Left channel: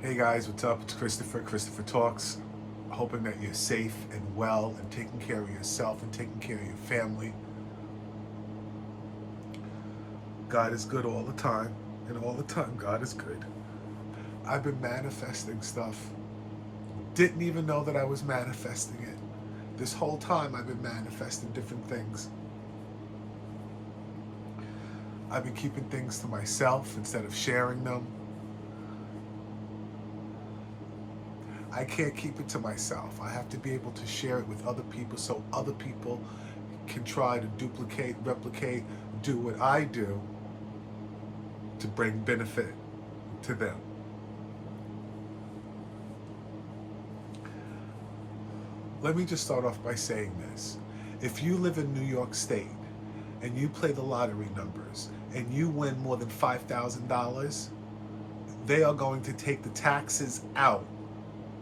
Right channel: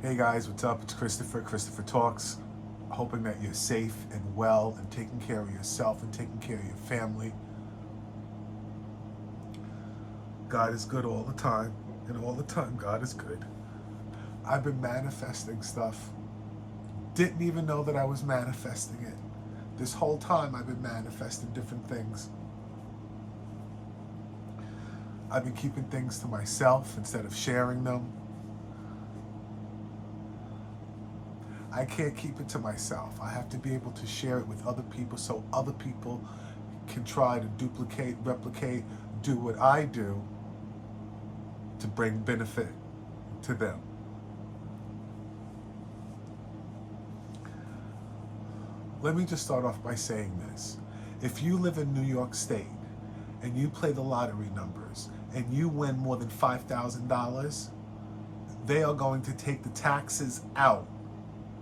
Hey guys, what's up? It's Christopher. Christopher Talks. Hoping that you're safe and well and taking care of yourself and taking care of your family. God is good all the time, and all the time God is good. I've been manifesting stuff. Didn't even know that I was manifesting it. This whole time I've been manifesting different things. I've been keeping things to myself instead of sharing them. I can't keep it to myself. I have to be able to share it with other people so other people can try to duplicate, replicate, do what I do to bring benefit to them. Let me just start off by saying this. If you live in New York State and you play the lottery numbers and you win more than $5,000, they are going to take the taxes out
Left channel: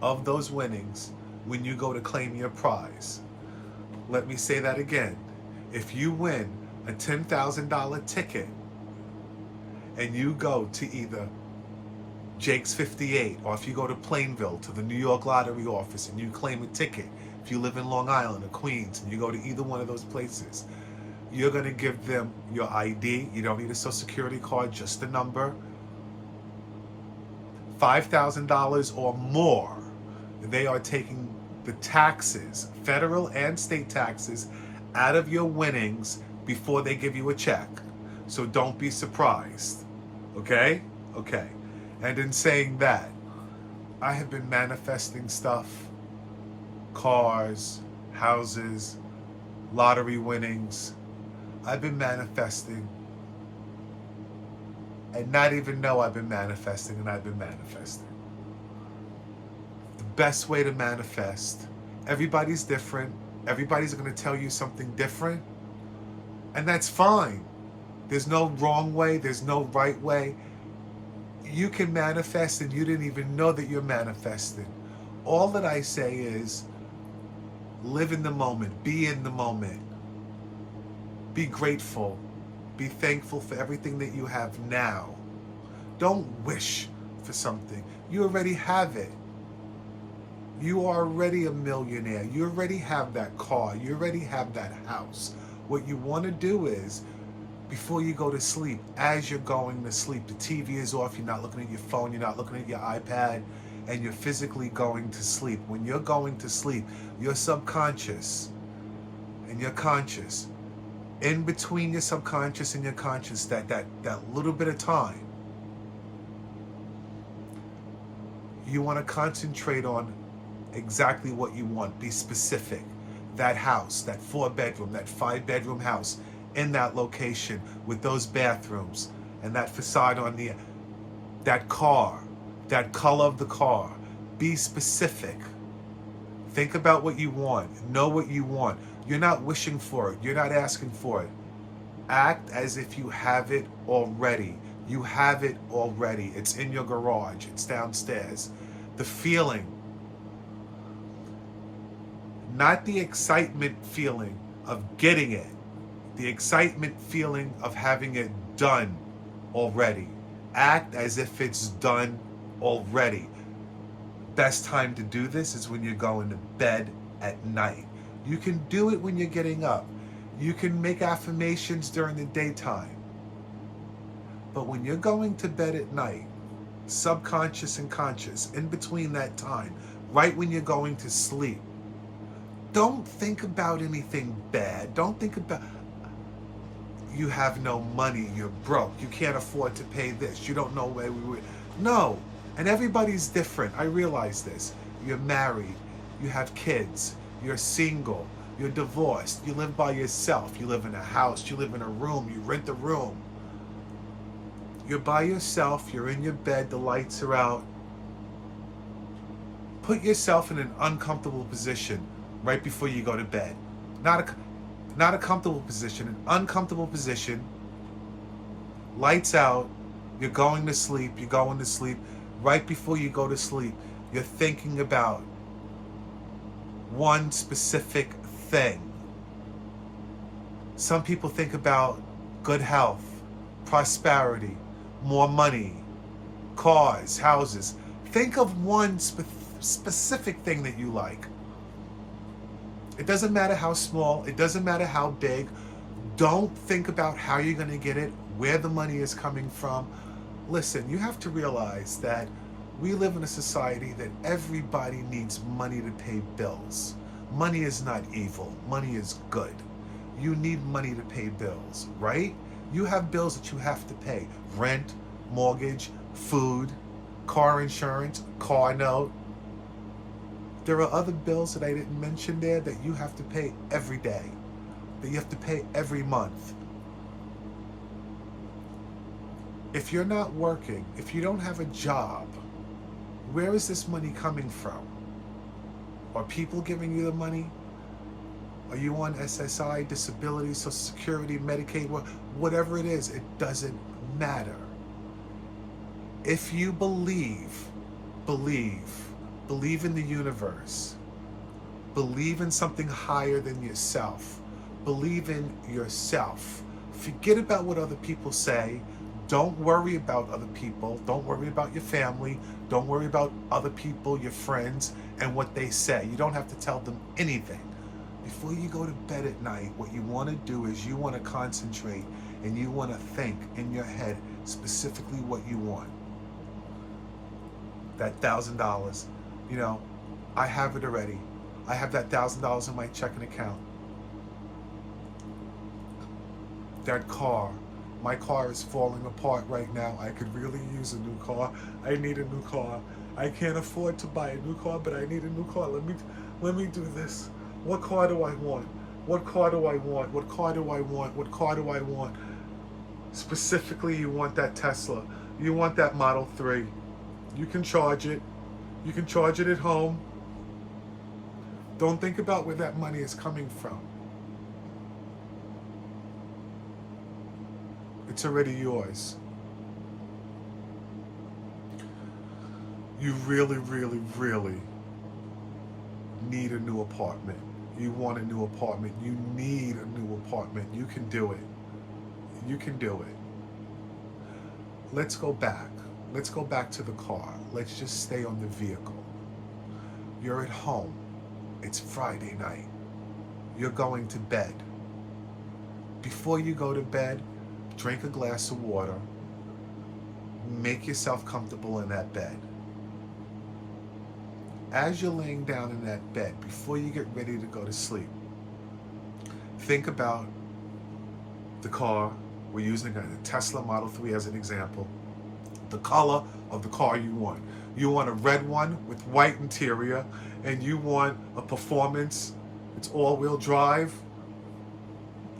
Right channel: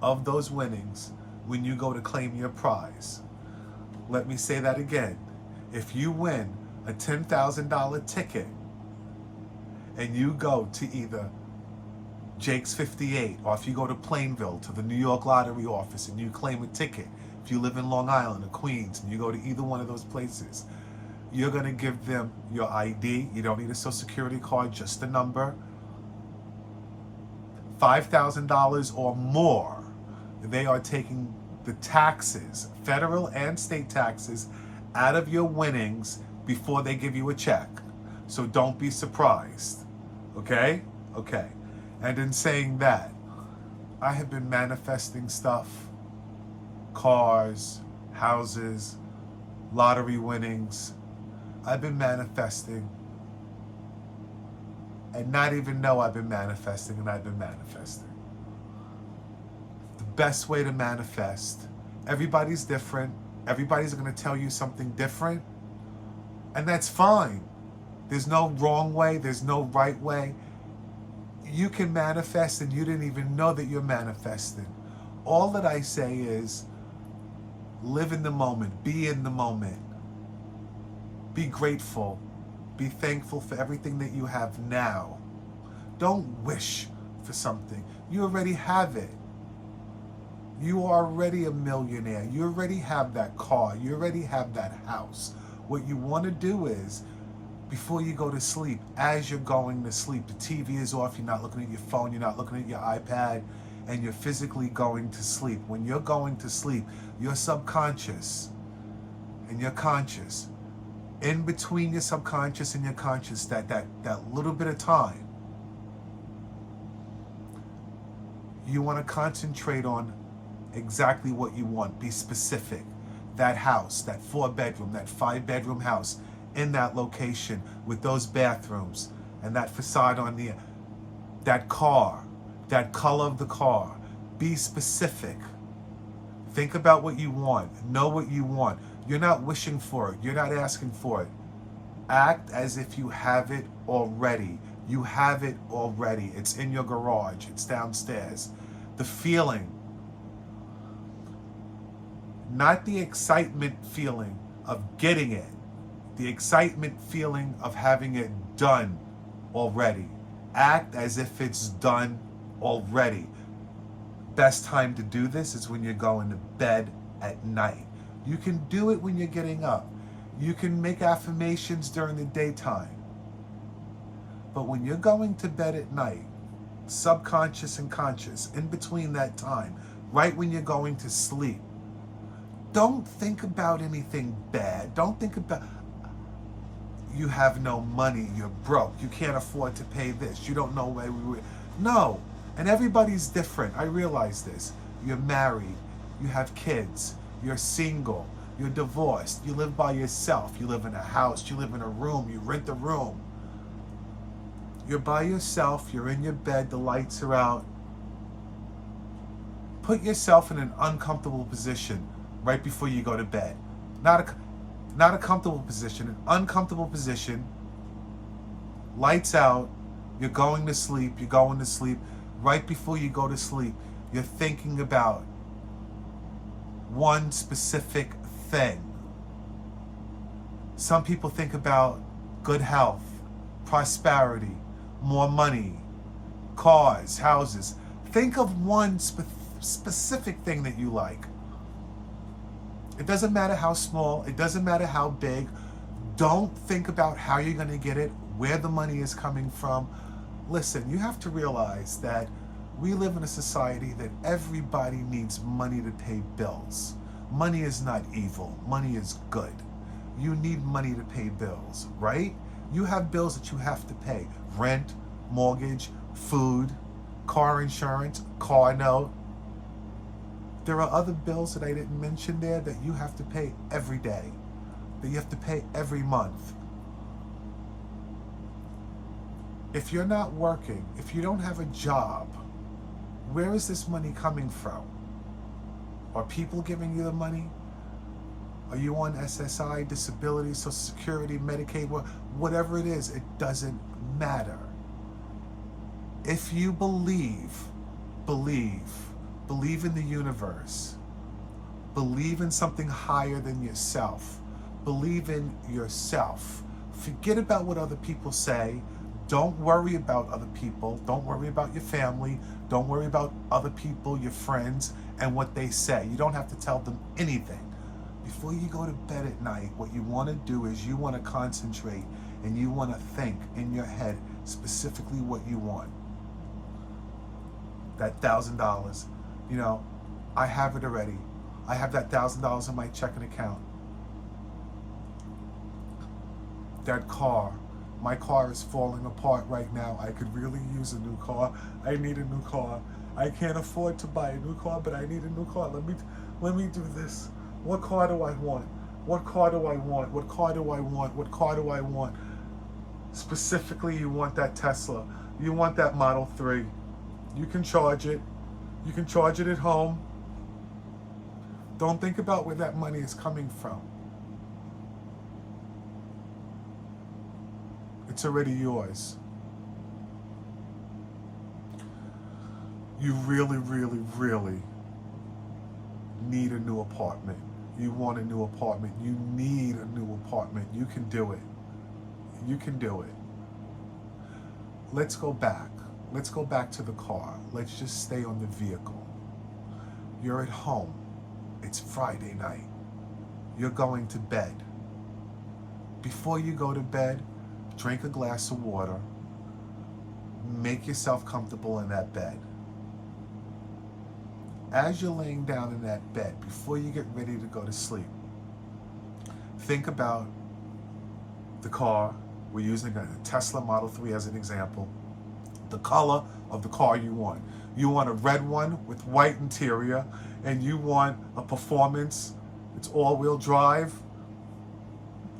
of those winnings when you go to claim your prize. Let me say that again. If you win a $10,000 ticket and you go to either Jake's 58, or if you go to Plainville to the New York Lottery office and you claim a ticket, if you live in Long Island or Queens and you go to either one of those places, you're going to give them your ID. You don't need a social security card, just a number. $5,000 or more, they are taking the taxes, federal and state taxes, out of your winnings before they give you a check. So don't be surprised. Okay? Okay. And in saying that, I have been manifesting stuff, cars, houses, lottery winnings. I've been manifesting and not even know I've been manifesting, and I've been manifesting. The best way to manifest, everybody's different. Everybody's going to tell you something different, and that's fine. There's no wrong way. There's no right way. You can manifest and you didn't even know that you're manifesting. All that I say is live in the moment, be in the moment, be grateful, be thankful for everything that you have now. Don't wish for something. You already have it. You are already a millionaire. You already have that car. You already have that house. What you want to do is, before you go to sleep, as you're going to sleep, the TV is off, you're not looking at your phone, you're not looking at your iPad, and you're physically going to sleep. When you're going to sleep, your subconscious and your conscious, in between your subconscious and your conscious, that little bit of time, you want to concentrate on exactly what you want. Be specific. That house, that 4-bedroom, that 5-bedroom house, in that location with those bathrooms and that facade on that car, that color of the car. Be specific. Think about what you want. Know what you want. You're not wishing for it. You're not asking for it. Act as if you have it already. You have it already. It's in your garage. It's downstairs. The feeling, not the excitement feeling of getting it. The excitement feeling of having it done already. Act as if it's done already. Best time to do this is when you're going to bed at night. You can do it when you're getting up. You can make affirmations during the daytime. But when you're going to bed at night, subconscious and conscious, in between that time, right when you're going to sleep, don't think about anything bad. Don't think about, you have no money, you're broke, you can't afford to pay this, you don't know where we were. No, and everybody's different. I realize this. You're married, you have kids, you're single, you're divorced, you live by yourself, you live in a house, you live in a room, you rent a room. You're by yourself, you're in your bed, the lights are out. Put yourself in an uncomfortable position right before you go to bed. Not a comfortable position, an uncomfortable position. Lights out, you're going to sleep. Right before you go to sleep, you're thinking about one specific thing. Some people think about good health, prosperity, more money, cars, houses. Think of one specific thing that you like. It doesn't matter how small, it doesn't matter how big. Don't think about how you're going to get it, where the money is coming from. Listen, you have to realize that we live in a society that everybody needs money to pay bills. Money is not evil. Money is good. You need money to pay bills, right? You have bills that you have to pay. Rent, mortgage, food, car insurance, car note. There are other bills that I didn't mention there that you have to pay every day, that you have to pay every month. If you're not working, if you don't have a job, where is this money coming from? Are people giving you the money? Are you on SSI, disability, Social Security, Medicaid, whatever it is, it doesn't matter. If you believe in the universe, believe in something higher than yourself, believe in yourself. Forget about what other people say. Don't worry about other people. Don't worry about your family. Don't worry about other people, your friends, and what they say. You don't have to tell them anything. Before you go to bed at night, what you want to do is you want to concentrate and you want to think in your head specifically what you want. That $1,000, I have it already. I have that $1,000 in my checking account. That car, my car is falling apart right now. I could really use a new car. I need a new car. I can't afford to buy a new car, but I need a new car. Let me do this. What car do I want? What car do I want? What car do I want? What car do I want? Specifically, you want that Tesla. You want that Model 3. You can charge it. You can charge it at home. Don't think about where that money is coming from. It's already yours. You really, really, really need a new apartment. You want a new apartment. You need a new apartment. You can do it. You can do it. Let's go back. Let's go back to the car. Let's just stay on the vehicle. You're at home. It's Friday night. You're going to bed. Before you go to bed, drink a glass of water. Make yourself comfortable in that bed. As you're laying down in that bed, before you get ready to go to sleep, think about the car. We're using a Tesla Model 3 as an example. The color of the car you want. You want a red one with white interior, and you want a performance. It's all-wheel drive.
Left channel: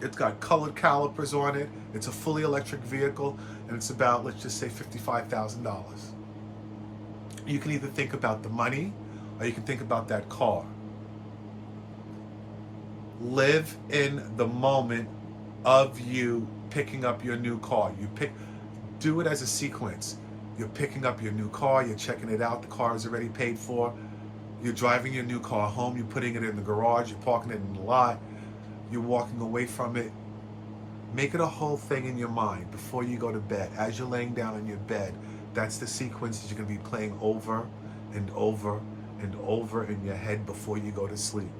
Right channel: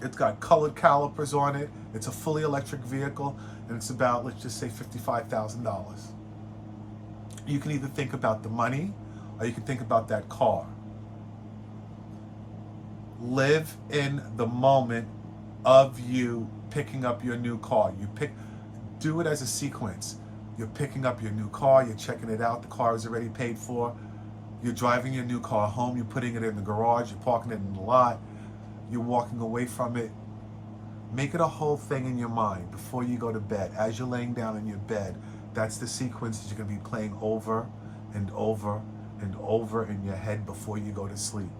It's got colored calipers on it. It's a fully electric vehicle, and it's about, let's just say, $55,000. You can either think about the money, or you can think about that car. Live in the moment of you picking up your new car. Do it as a sequence. You're picking up your new car, you're checking it out, the car is already paid for. You're driving your new car home, you're putting it in the garage, you're parking it in the lot, you're walking away from it. Make it a whole thing in your mind before you go to bed. As you're laying down in your bed, that's the sequence that you're going to be playing over and over and over in your head before you go to sleep.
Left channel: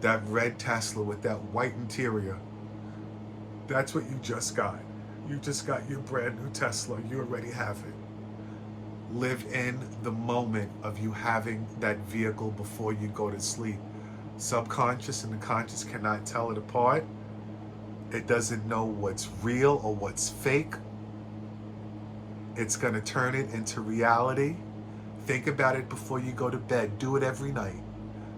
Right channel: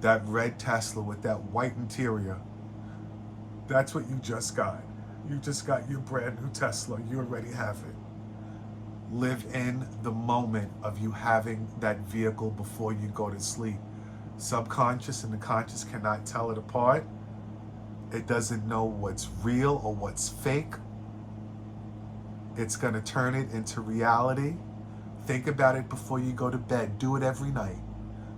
That red Tesla with that white interior, that's what you just got. You just got your brand new Tesla. You already have it. Live in the moment of you having that vehicle before you go to sleep. Subconscious and the conscious cannot tell it apart. It doesn't know what's real or what's fake. It's going to turn it into reality. Think about it before you go to bed. Do it every night.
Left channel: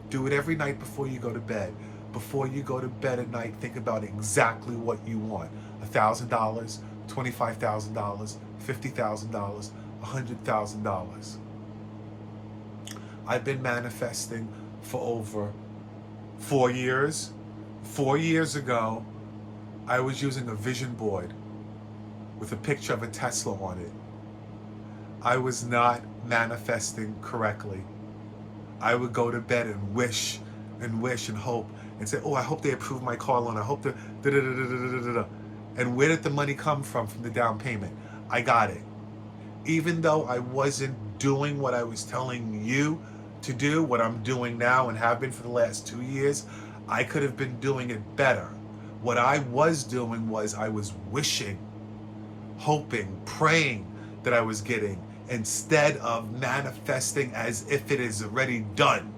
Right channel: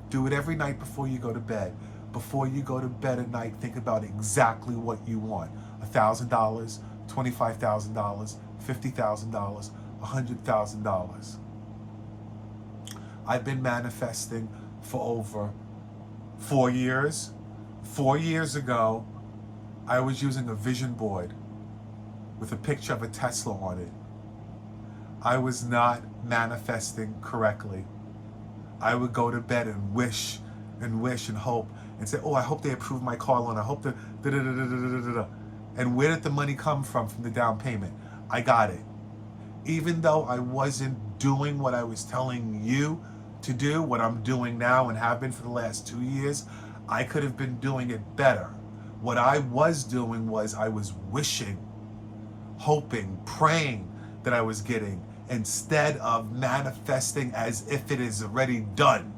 Do it every night before you go to bed. Before you go to bed at night, think about exactly what you want. $1,000, $25,000, $50,000, $100,000. I've been manifesting for over 4 years. 4 years ago, I was using a vision board with a picture of a Tesla on it. I was not manifesting correctly. I would go to bed and wish and hope and say, oh, I hope they approve my car loan. I hope the da-da-da-da-da-da-da-da. And where did the money come from the down payment? I got it. Even though I wasn't doing what I was telling you to do, what I'm doing now and have been for the last 2 years, I could have been doing it better. What I was doing was I was wishing, hoping, praying that I was getting, instead of manifesting as if it is already done.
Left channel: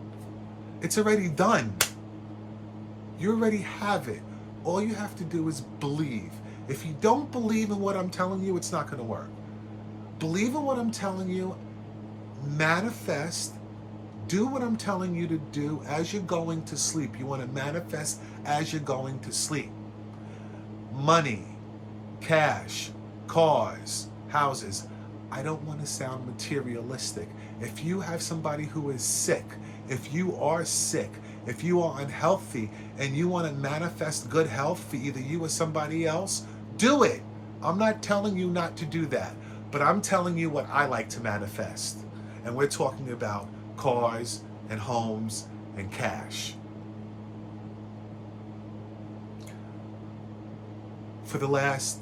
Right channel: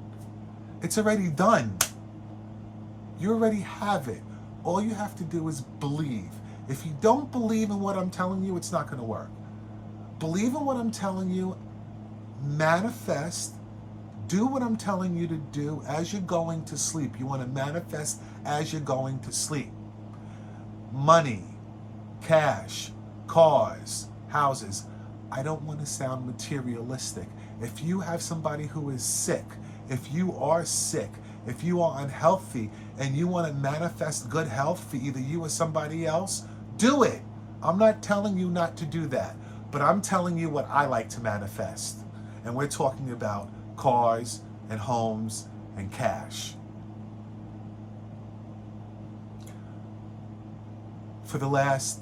It's already done. You already have it. All you have to do is believe. If you don't believe in what I'm telling you, it's not going to work. Believe in what I'm telling you, manifest, do what I'm telling you to do as you're going to sleep. You want to manifest as you're going to sleep. Money, cash, cars, houses. I don't want to sound materialistic. If you have somebody who is sick, if you are sick, if you are unhealthy and you want to manifest good health for either you or somebody else, do it. I'm not telling you not to do that, but I'm telling you what I like to manifest. And we're talking about cars and homes and cash. For the last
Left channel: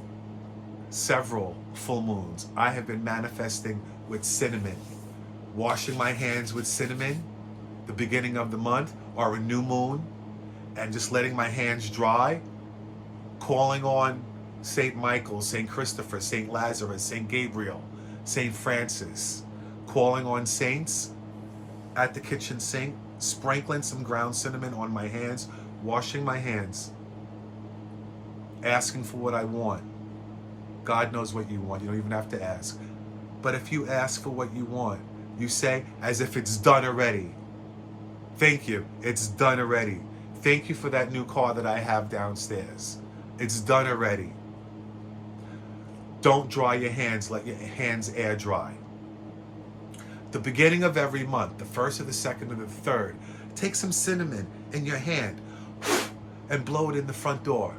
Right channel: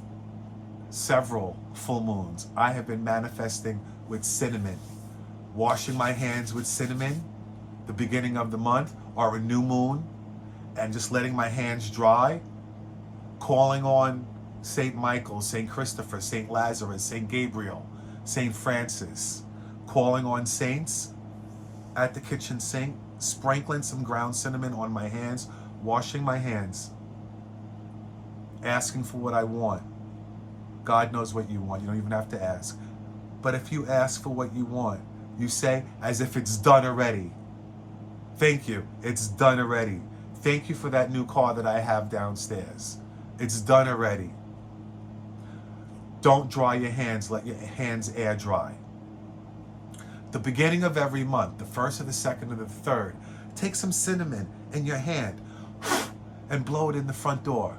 several full moons, I have been manifesting with cinnamon. Washing my hands with cinnamon, the beginning of the month, or a new moon, and just letting my hands dry. Calling on St. Michael, St. Christopher, St. Lazarus, St. Gabriel, St. Francis. Calling on saints at the kitchen sink, sprinkling some ground cinnamon on my hands, washing my hands, asking for what I want. God knows what you want. You don't even have to ask. But if you ask for what you want, you say as if it's done already. Thank you. It's done already. Thank you for that new car that I have downstairs. It's done already. Don't dry your hands. Let your hands air dry. The beginning of every month, the first or the second or the third, take some cinnamon in your hand and blow it in the front door.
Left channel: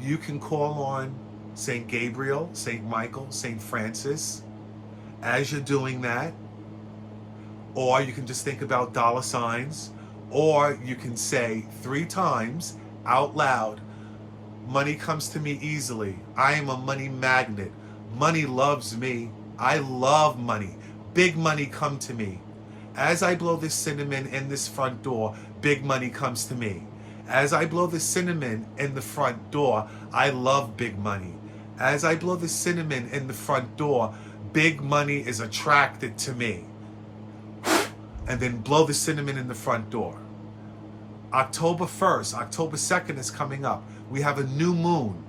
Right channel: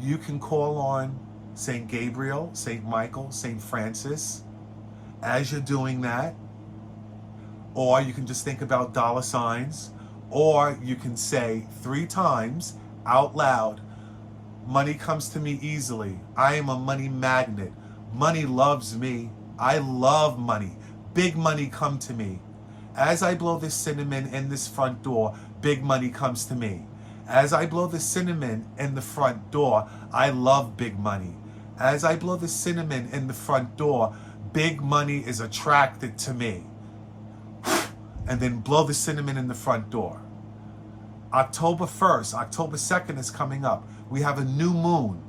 You can call on St. Gabriel, St. Michael, St. Francis as you're doing that. Or you can just think about dollar signs. Or you can say 3 times out loud, money comes to me easily. I am a money magnet. Money loves me. I love money. Big money come to me. As I blow this cinnamon in this front door, big money comes to me. As I blow the cinnamon in the front door, I love big money. As I blow the cinnamon in the front door, big money is attracted to me. And then blow the cinnamon in the front door. October 1st, October 2nd is coming up. We have a new moon.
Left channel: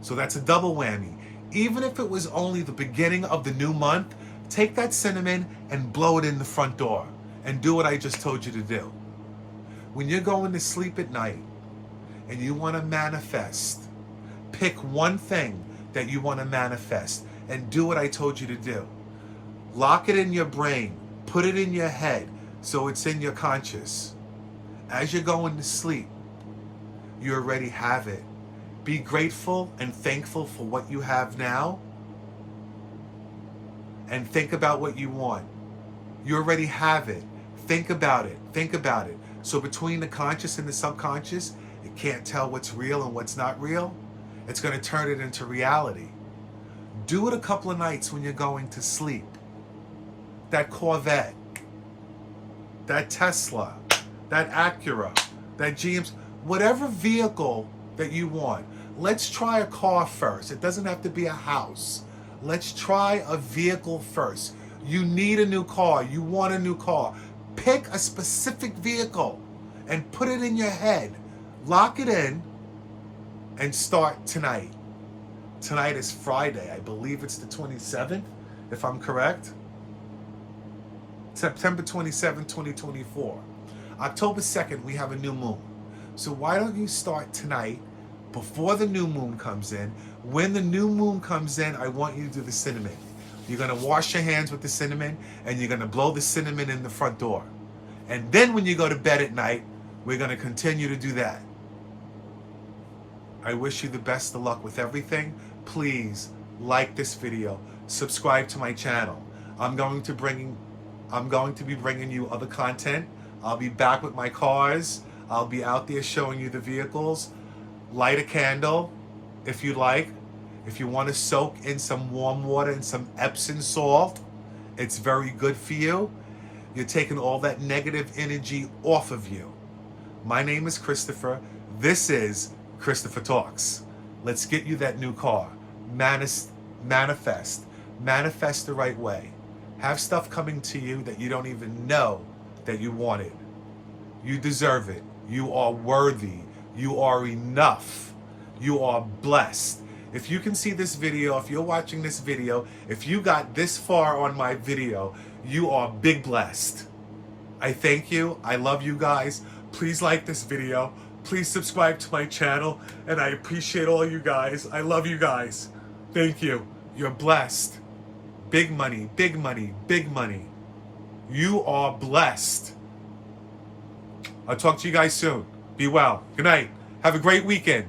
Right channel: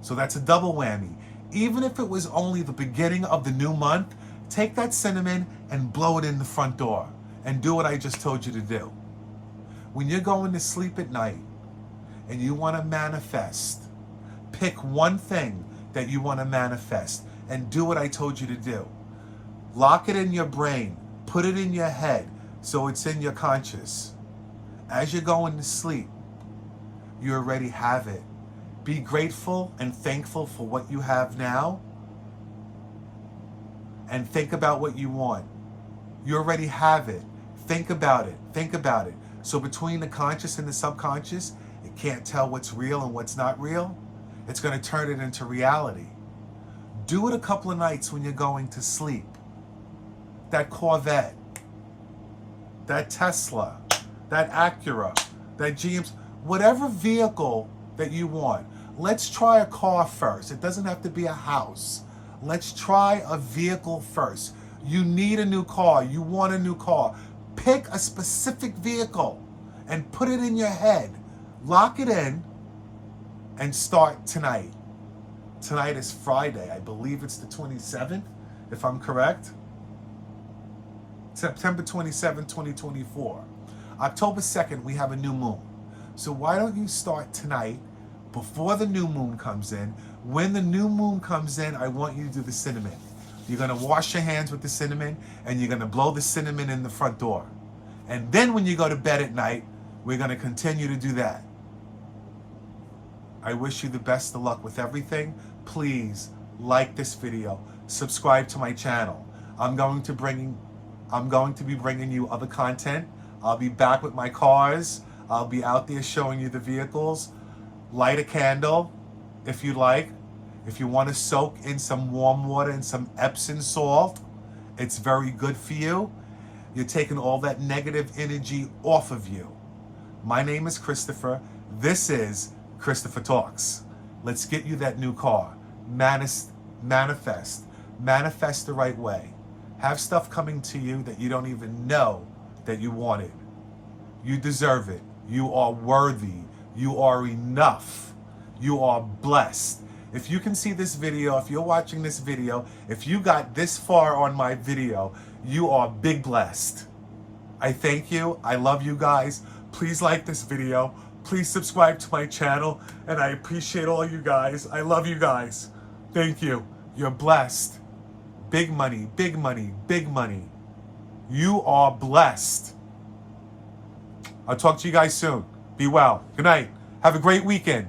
So that's a double whammy. Even if it was only the beginning of the new month, take that cinnamon and blow it in the front door. And do what I just told you to do. When you're going to sleep at night and you want to manifest, pick one thing that you want to manifest and do what I told you to do. Lock it in your brain. Put it in your head so it's in your conscious. As you're going to sleep, you already have it. Be grateful and thankful for what you have now. And think about what you want. You already have it. Think about it. Think about it. So between the conscious and the subconscious, it can't tell what's real and what's not real. It's going to turn it into reality. Do it a couple of nights when you're going to sleep. That Corvette, that Tesla, that Acura, that GM, whatever vehicle that you want. Let's try a car first. It doesn't have to be a house. Let's try a vehicle first. You need a new car. You want a new car. Pick a specific vehicle and put it in your head. Lock it in and start tonight. Tonight is Friday. I believe it's the 27th, if I'm correct. September 27, 2024. October 2nd, we have a new moon. So why don't you start tonight before the new moon comes in? When the new moon comes in, I want you to do the cinnamon. You're going to wash your hands with the cinnamon and you're going to blow the cinnamon in the front door. And then when you go to bed at night, we're going to continue to do that. I wish you the best of luck with everything. Please like this video, subscribe to my channel. I'm going to be bringing you other content. I'll be back with my cars. I'll be out there showing you the vehicles. Light a candle if you like. If you want to soak in some warm water and some Epsom salt, it's very good for you. You're taking all that negative energy off of you. My name is Christopher. This is Christopher Talks. Let's get you that new car. Manifest the right way. Have stuff coming to you that you don't even know that you wanted. You deserve it. You are worthy. You are enough. You are blessed. If you can see this video, if you're watching this video, if you got this far on my video, you are big blessed. I thank you. I love you guys. Please like this video. Please subscribe to my channel. And I appreciate all you guys. I love you guys. Thank you. You're blessed. Big money, big money, big money. You are blessed. I'll talk to you guys soon. Be well. Good night. Have a great weekend.